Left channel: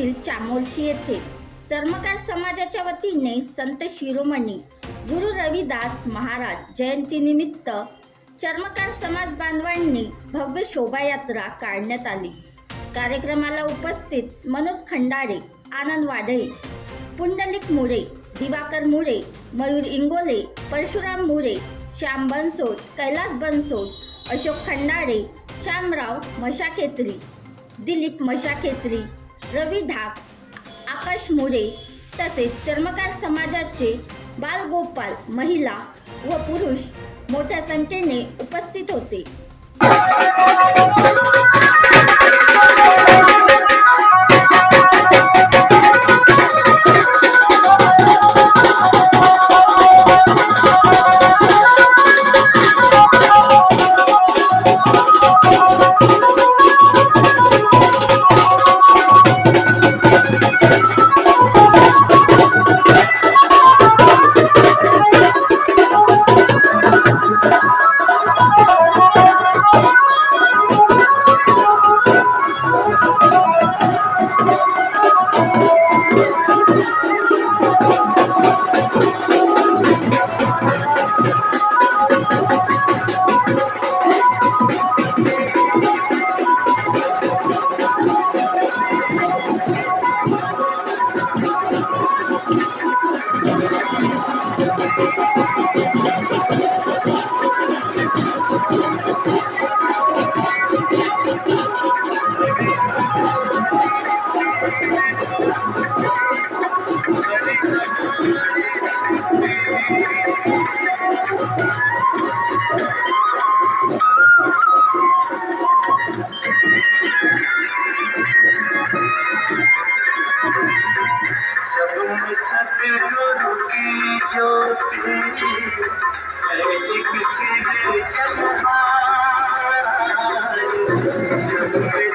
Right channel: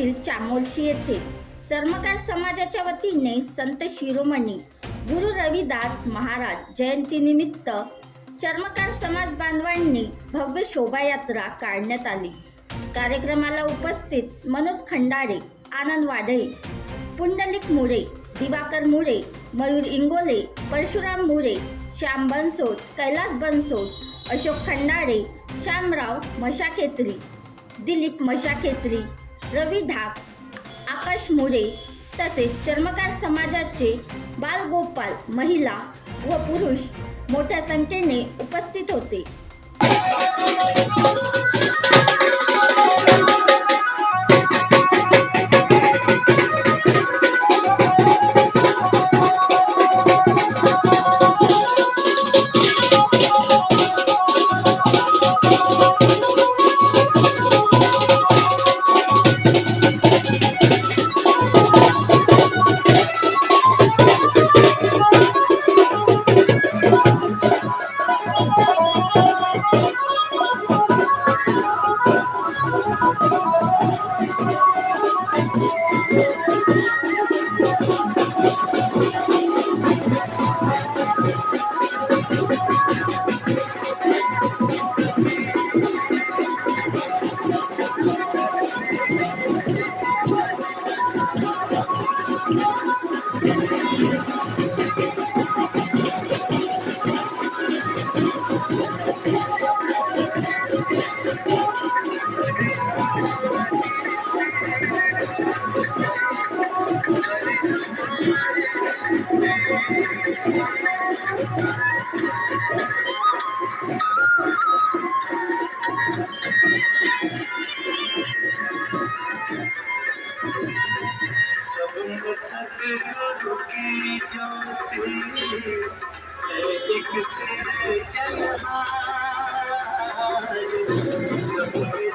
जिल्ह्यातील चामोर्शी येथे चर्मकार समाजाच्या वतीने संत शिरोमणी गुरु रविदास महाराज जयंतीनिमित्त चर्मकार समाज बांधवांनी भव्य शोभायात्रा काढण्यात आली। कार्यक्रमाला उपस्थित मनोज खंडारे, आनंद वाडळे, पुंडलिक मुळे, दिवाकर मुळे, मयूर इंगोले, परशुराम मुळे, श्याम बनसोड, कैलास बनसोड, अशोक खंडारे, श्यामराव मशाखेत्री, दिलीप मशाखेत्री, रवी ढाक, आकाश मुळे तसेच चर्मकार समाजाचे बालगोपाल, महिला व पुरुष मोठ्या संख्येने उपस्थित होते। सतगुरु की ज्योति है एक सिर जलवार, सब में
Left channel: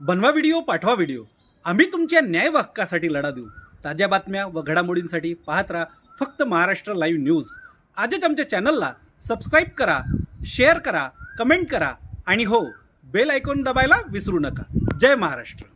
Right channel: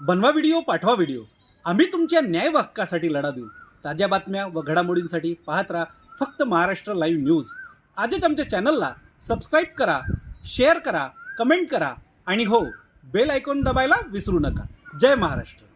बनवा व्हिडिओ, पाठवा व्हिडिओ। आम्ही तुमच्या न्याय हक्कासाठी लढा देऊ। ताज्या बातम्या व घडामोडींसाठी पाहत राहा फक्त महाराष्ट्र लाईव्ह न्यूज। आजच आमच्या चॅनलला सबस्क्राईब करा, शेअर करा, कमेंट करा आणि हो, बेल आयकॉन दबायला विसरू नका। जय महाराष्ट्र।